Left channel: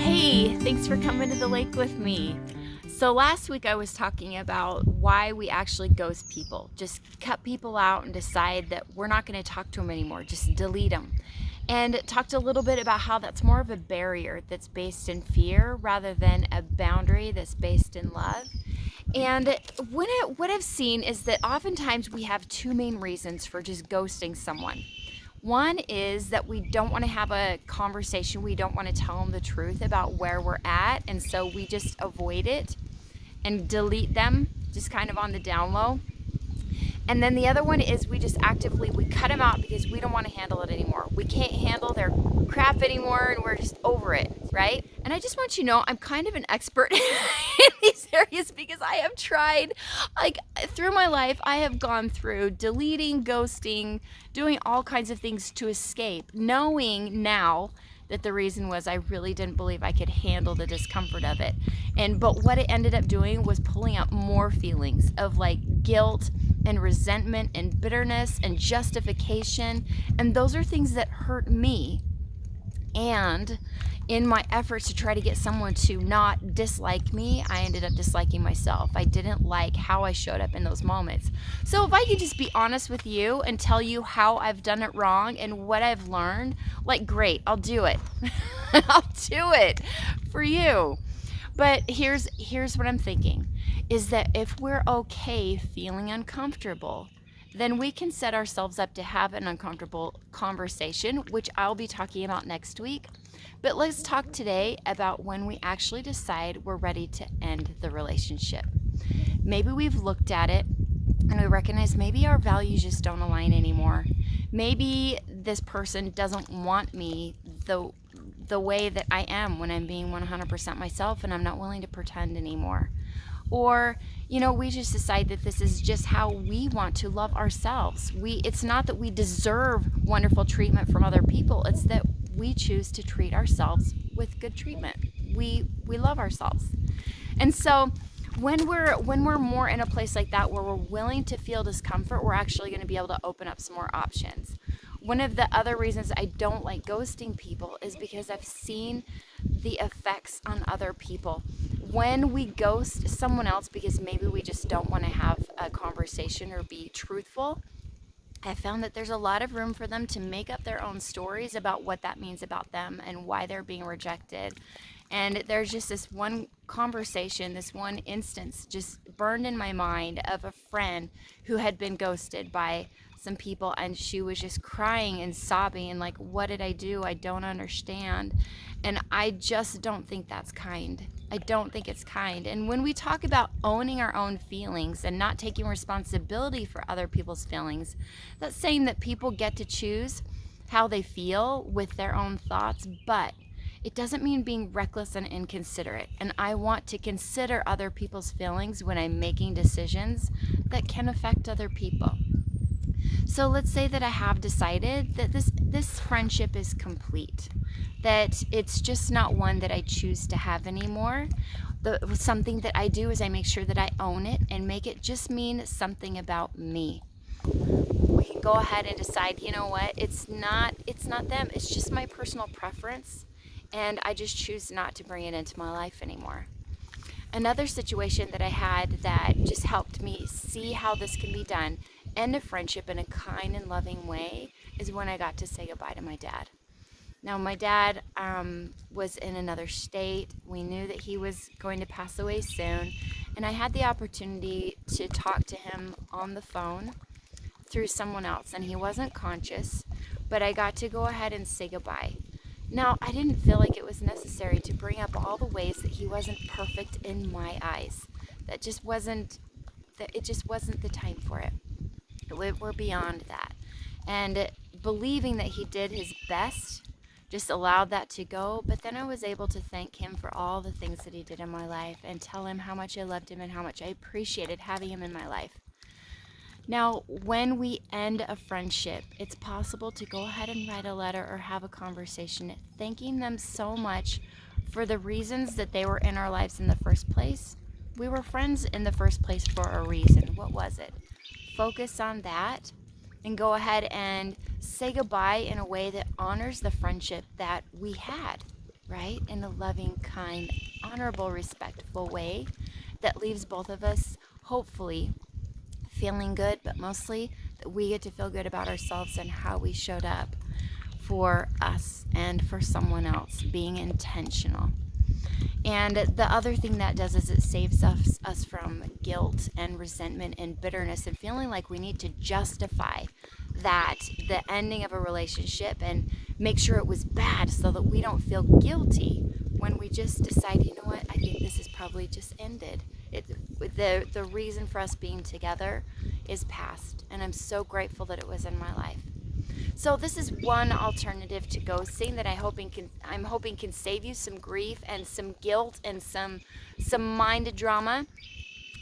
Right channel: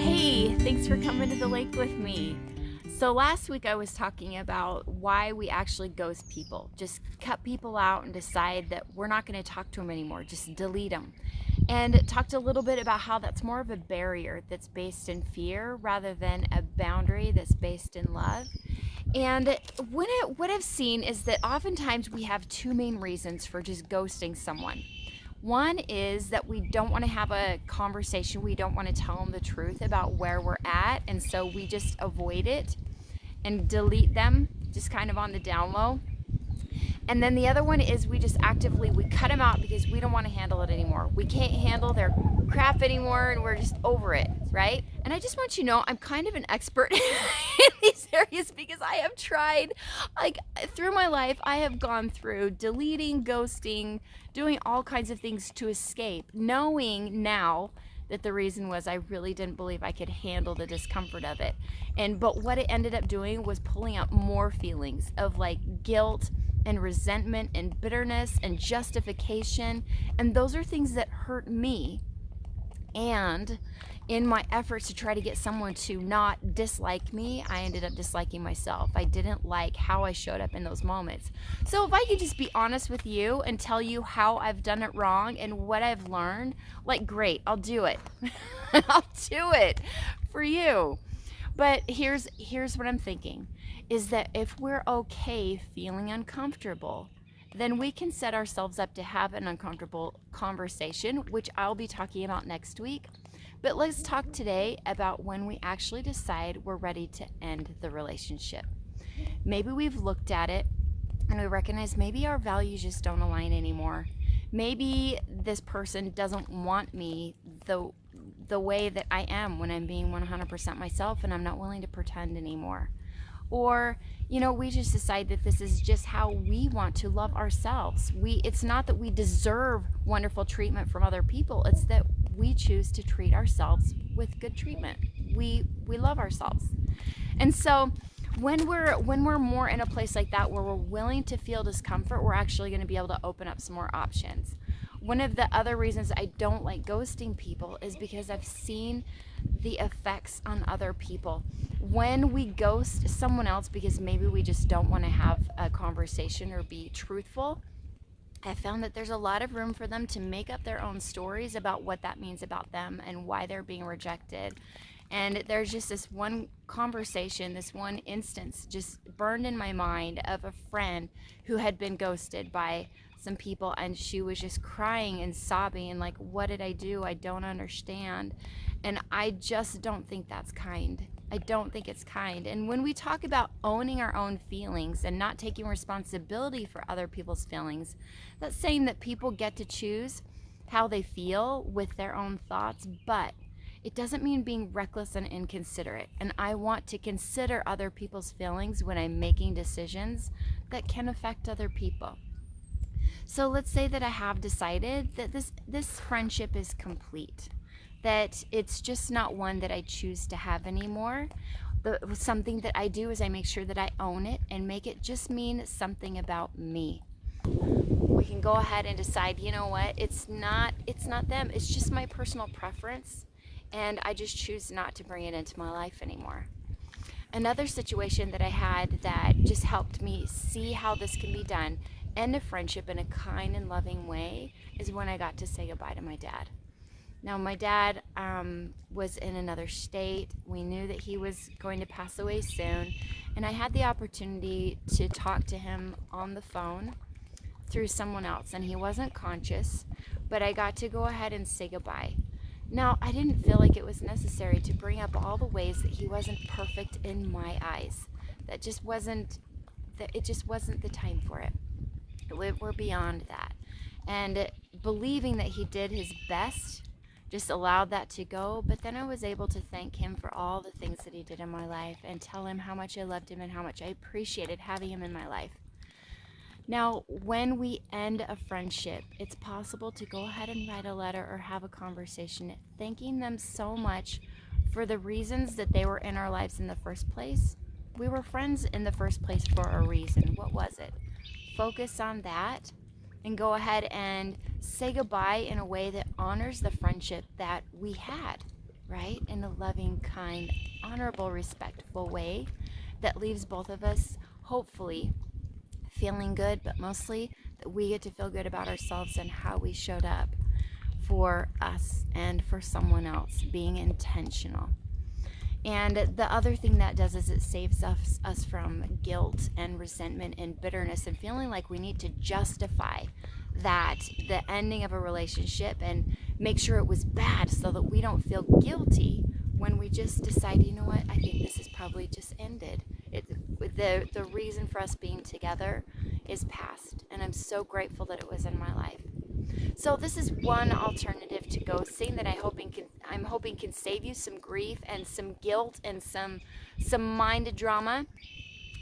Hey, thanks for coming to the lake with me. So last week I was talking about why we actually ghost people. Just cut people out and decide that we're not going to talk to them anymore. Just delete them. And talked a little bit about how that's more of a barrier that's based in fear rather than a boundary that's based in love. And what I've seen is that oftentimes we have two main reasons for just ghosting someone. One is that we don't want to have a conversation. We don't want to tell them the truth about where we're at. And so we just avoid it and delete them just kind of on the down low. And then the other one is we cut them out because we don't want to handle it anymore. We can't handle their crap anymore and we're just over it, right? And I just want you to know I'm kind of an expert in these areas because I have tried, like through my life, I have gone through deleting, ghosting, doing all kinds of things to escape, knowing now that the reason was I really didn't believe I could handle the discomfort of it. But what it ended up doing was pulling out more feelings of like guilt and resentment and bitterness and justification. And those are things that hurt me. And in my efforts to try to get someone to not dislike me, I ended up disliking myself. I didn't like how I showed up in those moments. So if I could just be honest with you and tell you how I've done it wrong and what I've learned, like great, I'll do it. I'll do it for you. But here's what I'm thinking is that if we're okay feeling uncomfortable, then we can set ourselves up to have an uncomfortable conversation, which I'll be talking about next week. But let's talk today about when we actually decide we're ready to end the relationship. Maybe we've looked at it and we recognize maybe our values just don't align anymore. Maybe this person doesn't want me the way that I am when I'm being 100% myself and I'm not willing to pretend anymore. Or, we just decide that this is just how we want to love ourselves. It's not that we deserve wonderful treatment from other people. It's that we choose to treat ourselves with good treatment. We love ourselves. And so when we're more in a place like that where we're willing to feel discomfort, we're actually going to be able to open up some more options. One of the other reasons I don't like ghosting people is because I've seen the effects on other people. When we ghost someone else because maybe we just don't want to have a conversation or be truthful, I found that there's a lot of room for them to make up their own stories about what that means about them and why they're being rejected. And there's just this one conversation, this one instance just burned in my mind of a friend who had been ghosted by some people, and she was just crying and sobbing and like, what did I do? I don't understand. And I just don't think that's kind. I don't think it's kind. And when we talk about owning our own feelings and not taking responsibility for other people's feelings, that's saying that people get to choose how they feel with their own thoughts, but it doesn't mean being reckless and inconsiderate. And I want to consider other people's feelings when I'm making decisions that can affect other people. So let's say that I have decided that this friendship is complete, that it's just not one that I choose to have anymore. Something that I do is I make sure that I own it and make it just mean something about me. We can go ahead and decide, you know what, it's not them, it's just my personal preference, and I just choose not to bring it into my life anymore. Another situation that I had that just helped me see how this can be done, end a friendship in a kind and loving way, is when I got to say goodbye to my dad. Now, my dad was in another state. We knew that he was going to pass away soon, and I had the opportunity to talk to him on the phone through someone else, and he wasn't conscious, but I got to go ahead and say goodbye. Now, I didn't feel like it was necessary to bring up all the ways that he wasn't perfect in my eyes. It just wasn't the time for it. We're beyond that. And believing that he did his best just allowed that to go. But then I was able to thank him for all the things that he did in my life and tell him how much I loved him and how much I appreciated having him in my life. Now, when we end a friendship, it's possible to go ahead and write a letter or have a conversation thanking them so much for the reasons that they were in our lives in the first place, We were friends in the first place for a reason. What was it? Focus on that and go ahead and say goodbye in a way that honors the friendship that we had, right? In a loving, kind, honorable, respectful way that leaves both of us, hopefully, feeling good, but mostly that we get to feel good about ourselves and how we showed up for us and for someone else, being intentional. And the other thing that does is it saves us from guilt and resentment and bitterness and feeling like we need to justify that the ending of a relationship and make sure it was bad so that we don't feel guilty when we just decide, you know what, I think this is probably just ended. The reason for us being together is past, and I'm so grateful that it was in my life. So this is one alternative to ghosting that I'm hoping can save you some grief and some guilt and some mind drama.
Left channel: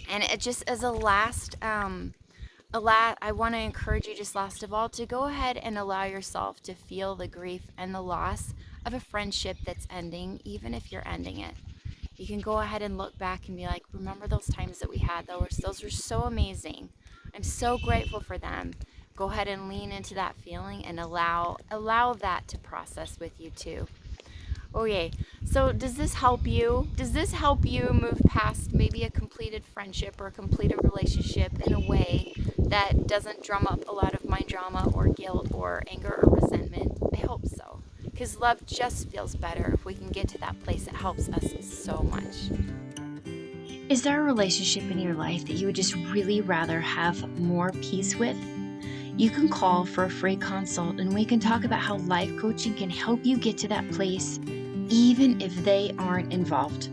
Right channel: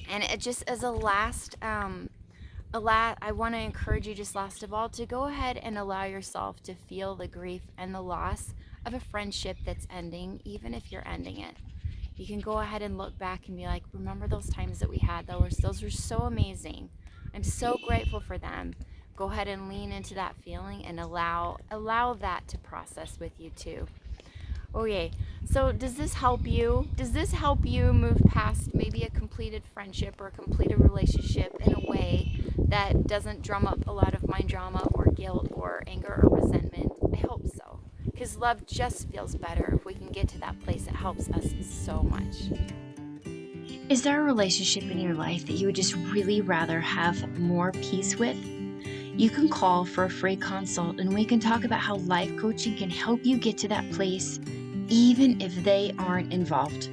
And it just as I want to encourage you, just last of all, to go ahead and allow yourself to feel the grief and the loss of a friendship that's ending, even if you're ending it. You can go ahead and look back and be like, remember those times that we had? Those were so amazing. I'm so grateful for them. Go ahead and lean into that feeling and allow that to process with you too. Okay, so does this help you? Does this help you move past maybe a completed friendship or a completed relationship in a way that doesn't drum up a lot of mind drama or guilt or anger or resentment? I hope so. Because love just feels better if we can get to that place. It helps us so much. Is there a relationship in your life that you would just really rather have more peace with? You can call for a free consult and we can talk about how life coaching can help you get to that place, even if they aren't involved.